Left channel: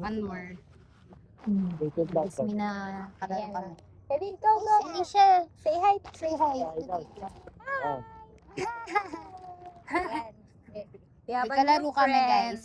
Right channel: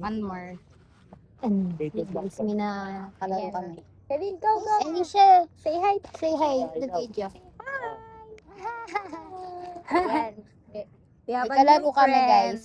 One more. Guys, may nakalaro kami. Kevin, go, go. Alicia, Say hi. say hi to the video. Yan. We have a Nagkalaro new kami, friend. guys.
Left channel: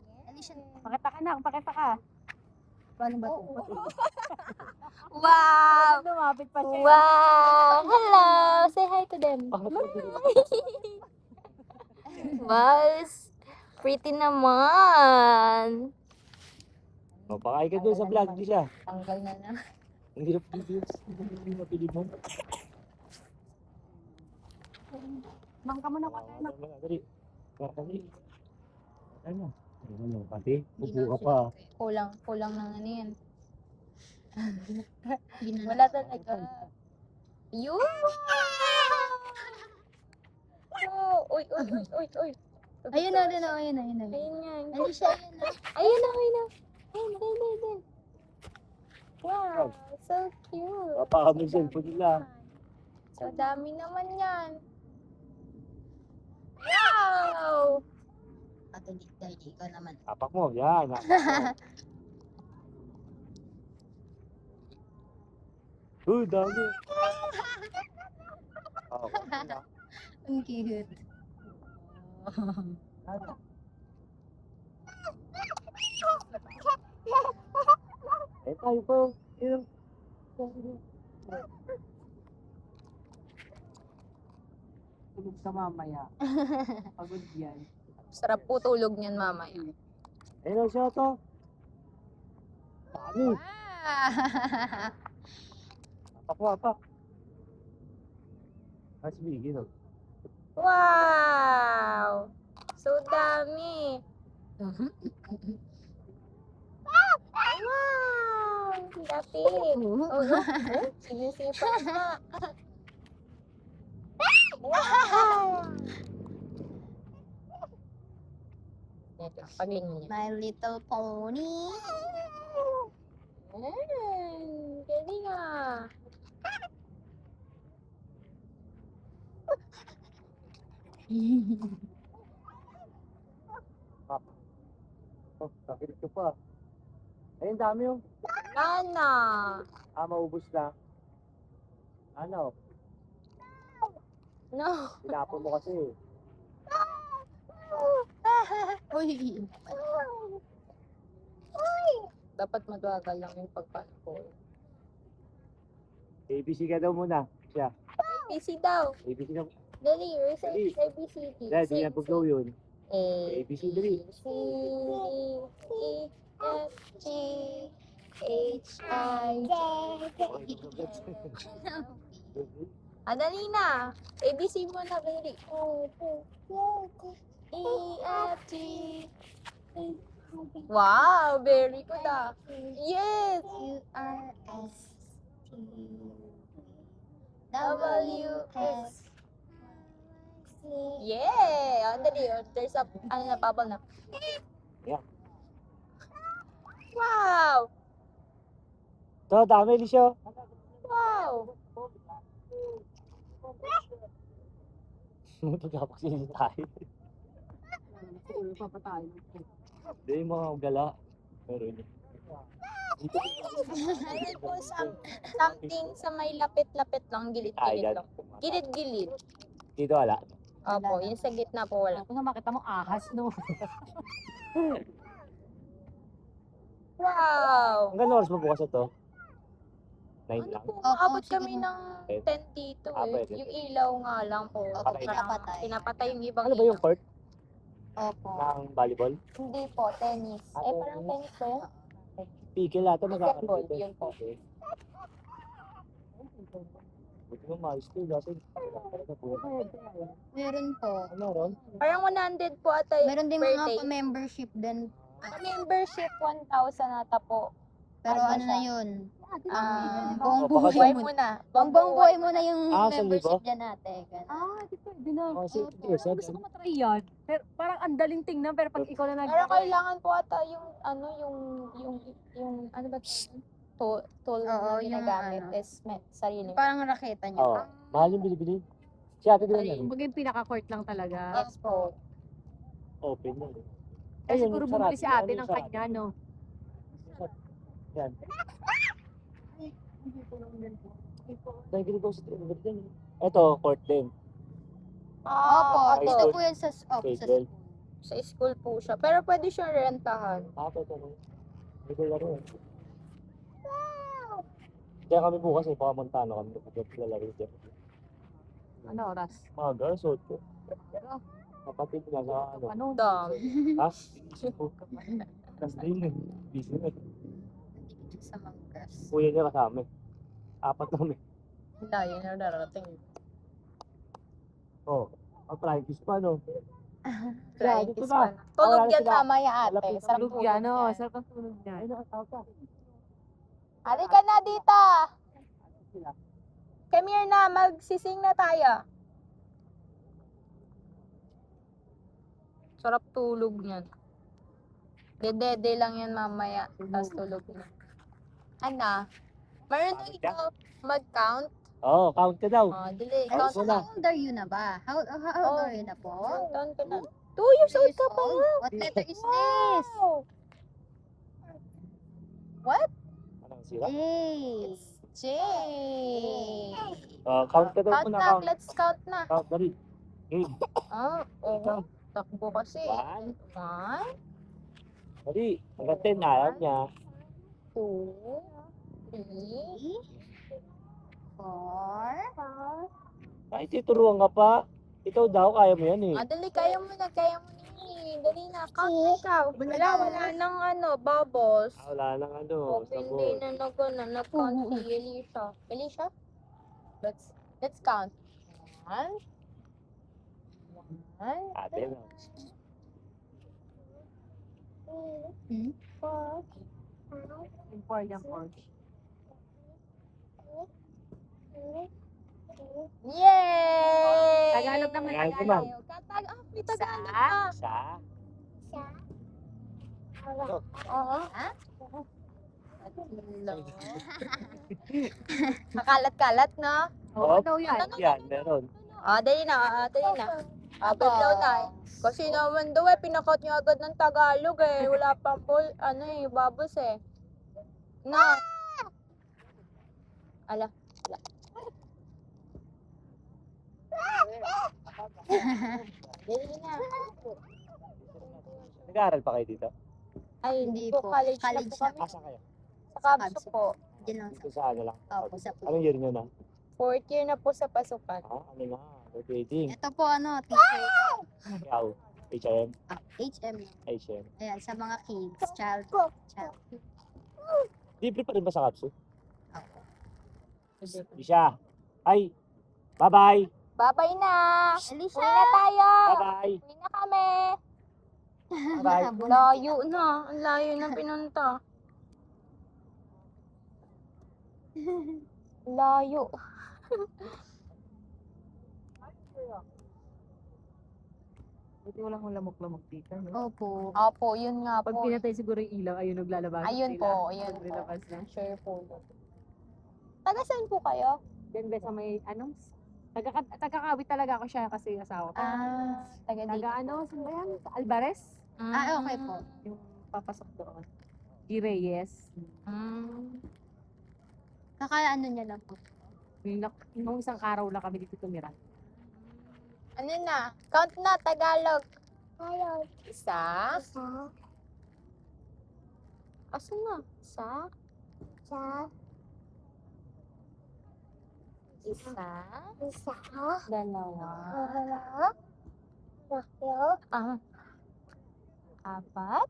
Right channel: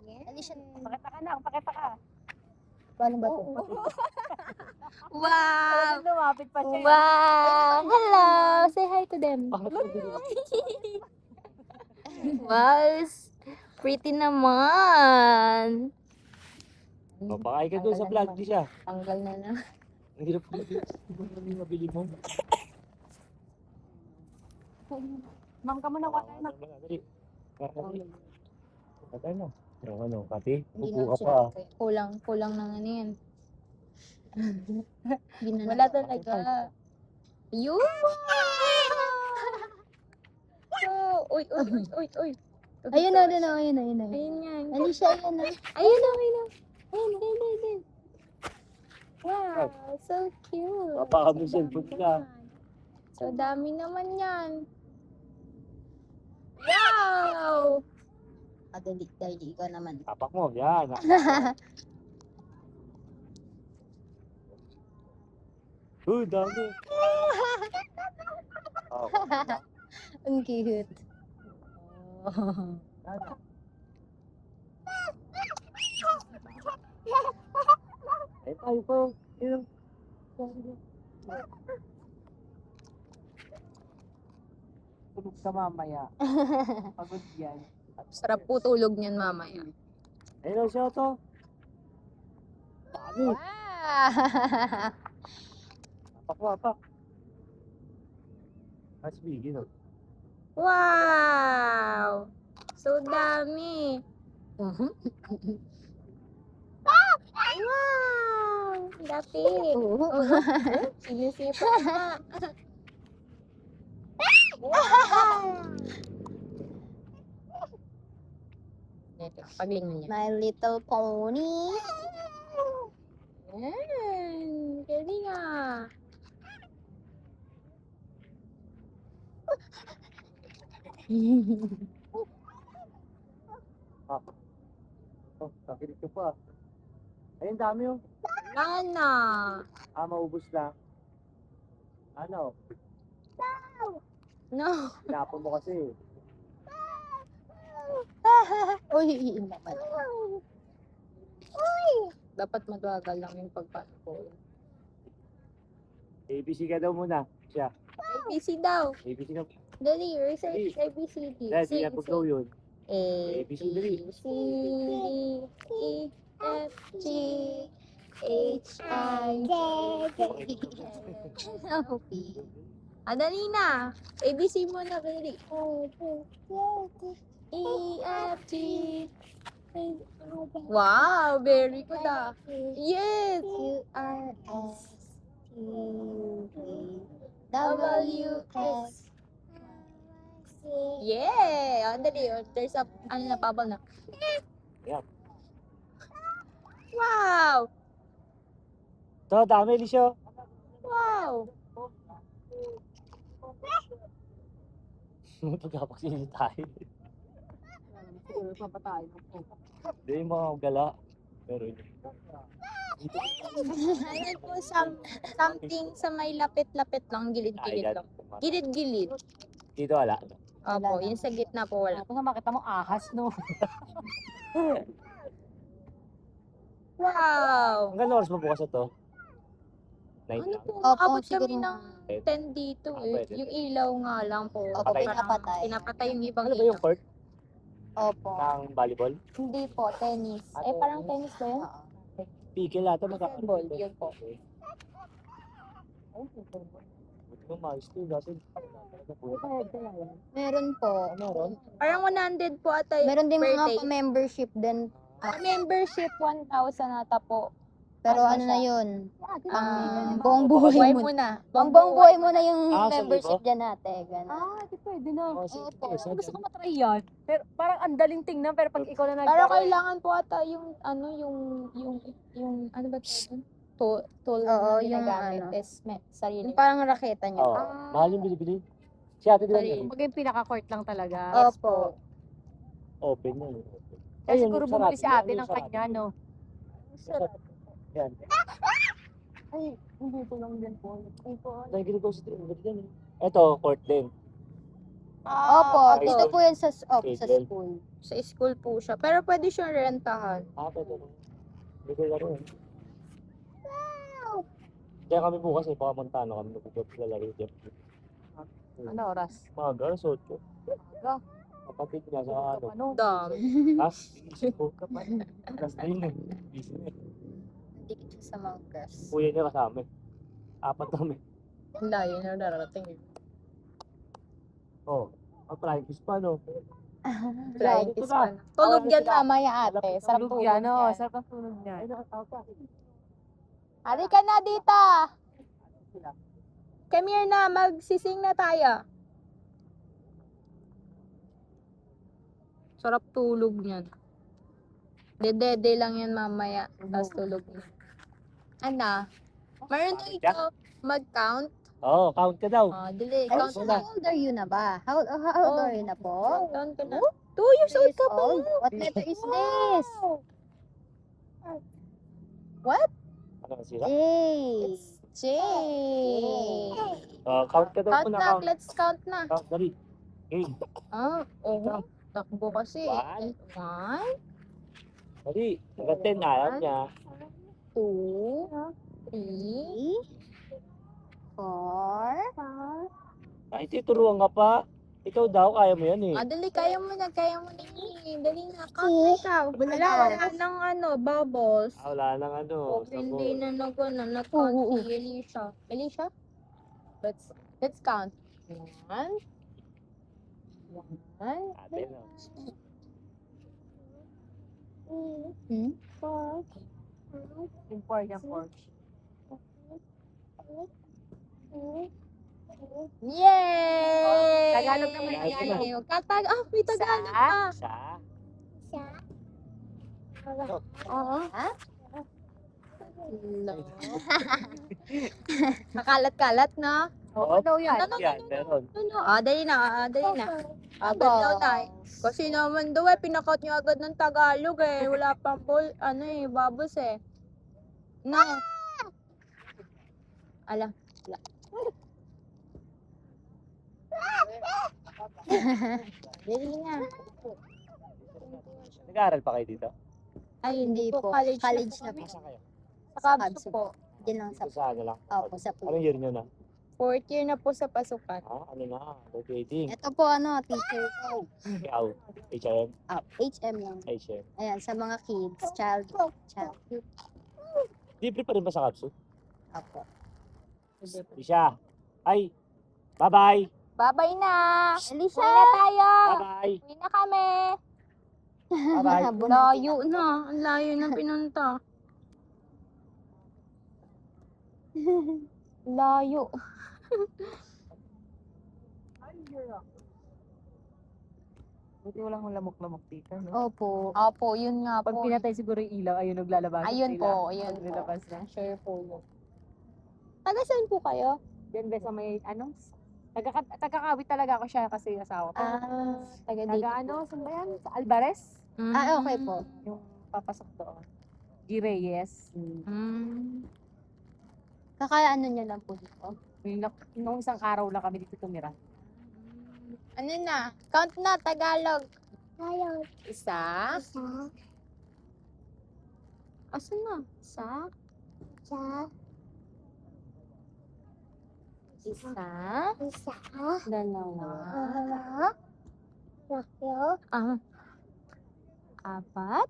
Yes. Alicia, Pakita ka na, pakita ka. paano ba to? Wow. Lumapit pa siya. Wow! Hello! Say hi to them. Wow! Pretty naman. Mapakay ka doon sa vlog, di siya. Tanggal na na. Ang hirap mabili mo. Ma'am ka muna, wala na. Dali. Patay na. Yung ano, pati? Hindi Upo na ka siya. pa. Kulang ng ano yan. Wala talaga. Yun. Wow. Uy, uy, uy, uy, uy. Ayun na, ayun na, ayun na, ayun na. Ayun nga. Alicia, ayun na. Ayun na, ayun na. Ayun. Wow, so cute. Baka may cellphone nila. So dami naman yan. Wow! Dali, ikaw naman. Tapak mo, yan. Uy, dami. Ang cute. Eh, tayo po. Tulog ka mamaya. Pagod yan. Sarap po tulog niyan mamaya. Ayun siya to. Dami. Wow! Tapak mo, tapak. Mas bigin, oh. Wow! So dami. Wow! Dati. Sinisipa na. Wow! Paglingon niya. My Little Pony. Yan. Galing ah. Oh, nakinig ka pa. Ayun, dami, oh. Nana. Maubos lang. Ano? No. Tinapon mo kasi. Uy, iin naman. Dapat magwagal lang yung pagpapol. ABC ka daw muna. Siya. ABC daw. ABC na. Dali, recite ABCD. Hindi na pagdaw yun. A, B, ABCD. C, D, E, F, G, H, I, J, K, L, M, P. Dali na. ABC mo na, dali. E, F, G. Wow, very good ah. Yes. Q, R, S, T, V, W, X. Yeah! Dali, there's a, na, bubble na. Yep. Wow! Ito, dami ni siya. Wow! Pagkapagsilin tayo. Hindi mo gala. Pero Ayan po, something sa may lapit-lapit lang, gilid-gilid lang. Gilid-gilid. dito wala. Opo, yung sa gitna po wala. Kung makita mo, ahas, no? Wow! Hanggang oras mo bukas ito? 9 Ano po, Opo, abot kami siguro. ng 10 dito eh. Yung ilaw nga lang po. Opo, Patay. pinapatay. Pinapatay yung ibang Ano ba ilaw. yung court Opo. ng volleyball? Hindi po, tennis. Eh, parang tennis ba yun? Pigil natin. Pickleball, yun po. Buti mo mouse to. Meron po. Meron? Parang 100 po ata yung Meron din per mga day. pa-membership din. Membership 1,000 ata po. Pero Ano ano na siya? yun? Ah, Buong buhay buhay mo. mo na. Ang buong buhay mo na yung Ah, sa membership dyan ate. Ganun. Di pwede, no? Sige, Gusto ko matry yan. Pero parang ang daling tingnan, pero pag ikaw na Pero kailangan po ata yung ano yung ano ba tawag? Tool Oo, na yung ginagamit ano. is sarili. Yung parang raketa nyo. Oo. Mahal yung bilibili. Si ate di ba Sorry. yun? Kumbaga yung pinaka-court lang talaga. Opo. Open mo. Kasi siguro bumili si ate ng kanya, no? Sarap. Yan. Ay, hindi ko lang din po. Nagiging ko sa yan. Ito, court din. Opo, Opo. dito po yan sa, sa April. school. Sa school po siya. Pero pwede siyang rentahan. Ito. Ito lang. Kaya kami bukas ay pakamantana kami. Nagpapalaro dyan. Ano oras? Alas 8. Kapatid niya sa ano. Ano? Dam. Alas 9. Busy na. Dikit siya sa Manggas. Kuya niya kasama. 4 kami. Layo na darating. Oh. Flying fish pa, no? Flying kiss pa na. Tulog yan mamaya ate. Sa Tulog tulog yan, ano? yan. Sarap ang tulog niya. Halika na dito. Come here na. Magsising na tayo. Sarap tulog niyan. Dede lang yan mamaya. Tapos tulog na. Ano? Marunong ikaw mag-count? Oo, count ka daw. Dali. Ano, Count so na. how old are you na ba? How old are you na po? Count ka na. 2 years old ka pa. Old? What letter is this? Ano kasi sila? A. J. Count ka daw Count muna. na. Let's count na. Count, dali. Okay. Oo. Takbo kasi. 1, Dali. Hanggang 10 na. Alam niya. 2, 3, 4. Ay, tinuruan ka pa. Ikaw daw, kaya mo yan eh. Dali, kaya mo na eh. Dali na, count na ikaw. Wala nang bubbles. Wala nang ano. Huwag hindi na nag-count si Elisha. Elisha? Let's count. 1, 1, Ate mo. 4, Import yan, Porch. Yay! Tagalog naman yan, Yay! ma'am. May Tagalog pa. Isa. Oo. Ha? Hello. Kakalat-kalat na. Oo, Ano yan? yan, meron. Dali na. Badlaw na. Kasi naman daw pinakot niyo agad ng Tagalog eh. Wala pang babos eh. No. Ala. Dali na. Nag-aaral pa kayo dito? Ay, hindi po. po. College na College po na kami. po. Asa kayo? Sa Kabso po. Diyan lang sa Sa ano lang? Opo, sa Anong po. year nyo na? 4th year na po sa pasukan. Ano na? Graduating. Ito po teacher ko. Ikaw, HM, HM lang. HM. Ayan, sa mga kids, child. Libre pa rin ba sa Kapsu? Opo. Isha. Ay, bye-bye. Bye-bye na. Elisha! Uwi na tayo. Bye-bye. Uwi na kami. Bye-bye. Layo na. Ang layo na pinunta. Layo. Buti wala akong lamok-lamok dito. No? Opo. Opo, yun nga Pag po. pinatay siguro yung ilaw, ayun naglalabas. Ayun po, ayun po. Naglalabas na. Sure po yun. Taga saan po kayo? Yan ba sa may, ano? Tagakawit talaga ako siya kasi yung asawa ko. Taga dito Taga ano, po. sa yan? Sa Alvarez? Okay po. Yung papasok doon. G. Reyes. Kakaano niya lang po dito. Nung isang araw na kami dito tumira. Ano na? Count na, Tagalog. Isa. Asan na? Isa. Dalawa. Apat.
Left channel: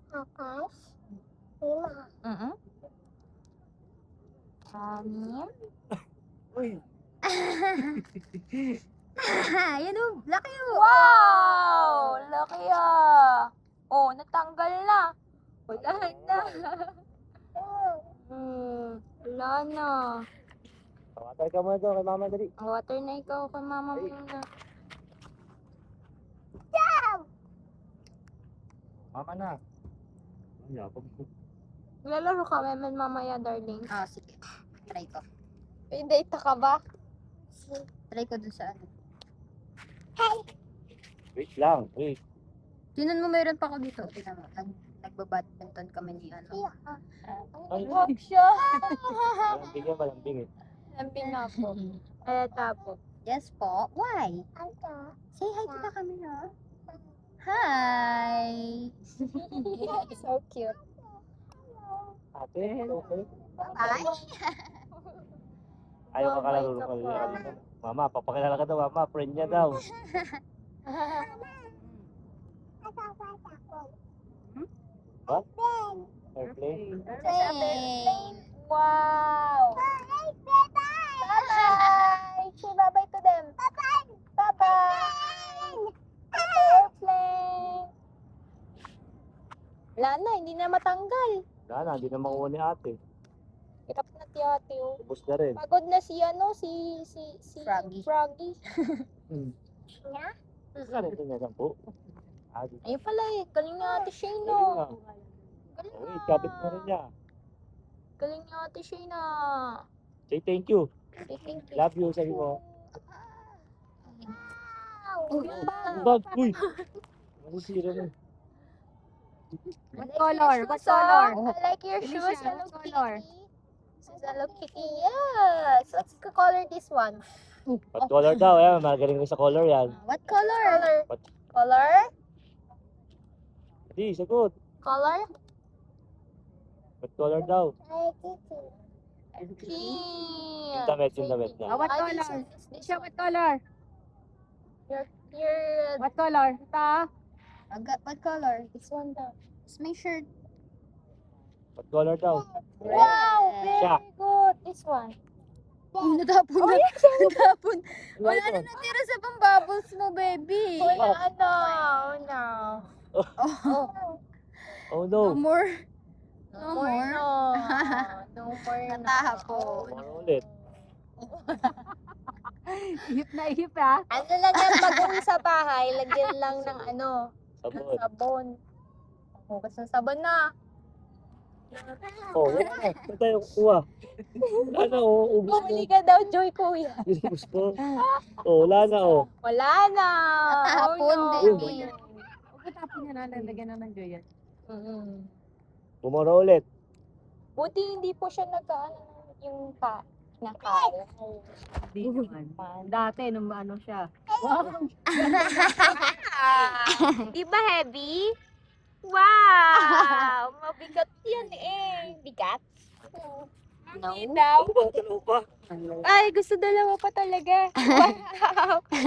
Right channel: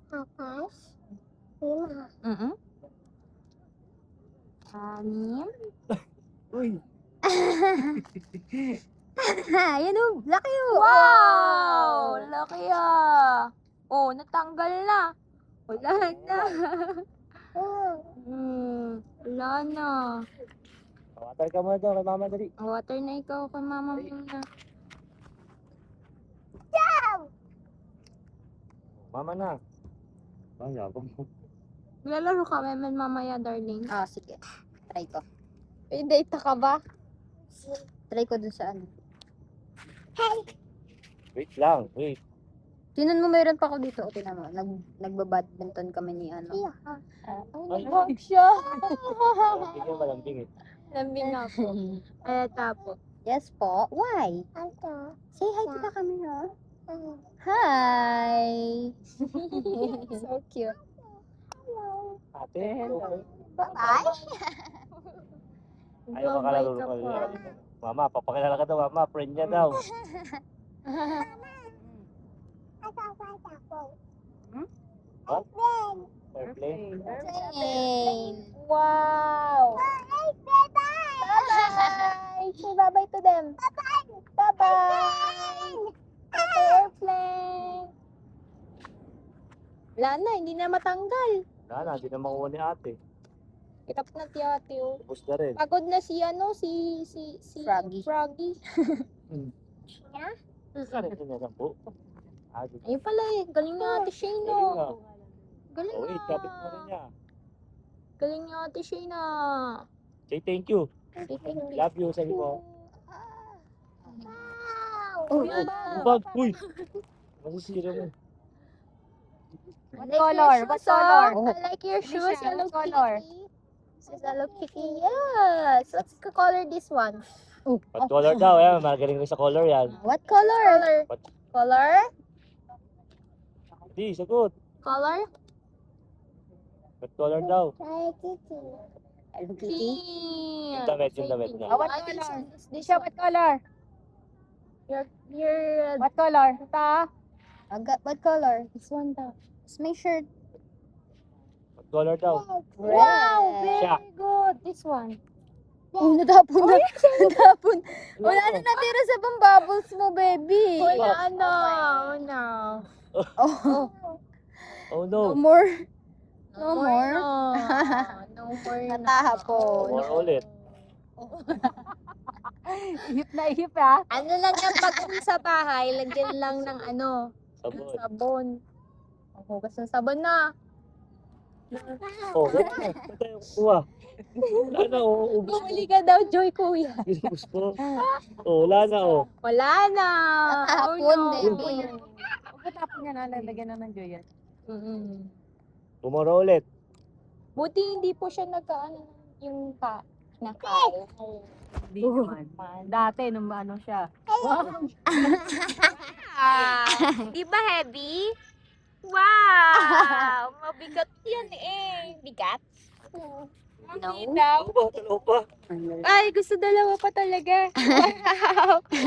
Anim. Uy, Yan o, laki o. Wow! Laki ah. Oh, natanggal na. Wala na. Wala na. water ka muna doon kay mama dali. Water na ikaw kay mama muna. Mama na. Ay, yabang. Lalaro ka naman mamaya, darling. Sige. Try ko. May data ka ba? Try ko dun sa ano. Wait lang, wait. Tinan mo, meron pa ako dito. Tinan mo, nagbabadminton kami ni ano. Nag-hug siya. Tingin ba lambing eh? Lambing ako. Tapos. Yes po. Why? Say hi to the camera. Hi. So cute. Ate, Bye-bye. ayaw ka Babay ka kalaro pa. Mama, papakilala ka daw, mama. Friend niya daw. Airplane. Train. Wow. Bye-bye. Say bye-bye to them. Bye-bye. Bye-bye, airplane. Wala na, hindi na matanggal. Wala na, di na makuha ni ate. Hirap na ti ate, oh. Tapos na rin. Pagod na si Froggy. Ganito na lang po. Ayun pala eh, galing ni ate Shayna. Galing Oh, na. ikabit mo rin niya. Galing ni ate Shayna. Say thank you. Love you sa inyo. Oh, Bag, uy! Masisira mo. I What like color? your What shoes, ah. color? I like your Ano shoes, siya? Hello What color? Kitty. This is Hello Kitty, yes. What's the color this one? What color daw eh? Magaling mo sa color yan. What color? Color? Di, sagot. Color? What color daw? Hello Kitty. Yung damit, yung damit na. Oh, what I color? think so. This Siya, one. what color? Your What color? Ito. what color? This one daw. It's my shirt. What color daw? Wow, Siya. very good. This one. Oh, natapon na. Natapon. Wala na natira sa pang bubbles mo, baby. Wala na. Oh, no. Oh, Oh no no. more. No more. No more. Natahapon. More ulit. Ihip na ihip ah. Ano lang yan, pag uwi sa bahay, lagyan lang ng ano, ng Sabon. sabon. Ang hugas ng sabon na. Oh, ito tayo kuha. Wala na, oh. Ubus Bumili ka daw, Joy, kuya. Ubus pa. Oh, wala na, oh. Wala na. Natahapon, no. baby. Pagkatapon niya na, lagyan na ng joy yan. Tomorrow ulit. Buti hindi po siya nagkaano yung nakain. Dati, nung ano siya. Diba heavy? Wow! Mabigat yan eh. Bigat? Ang daw. Ano pa? Ay, gusto dalawa pa talaga.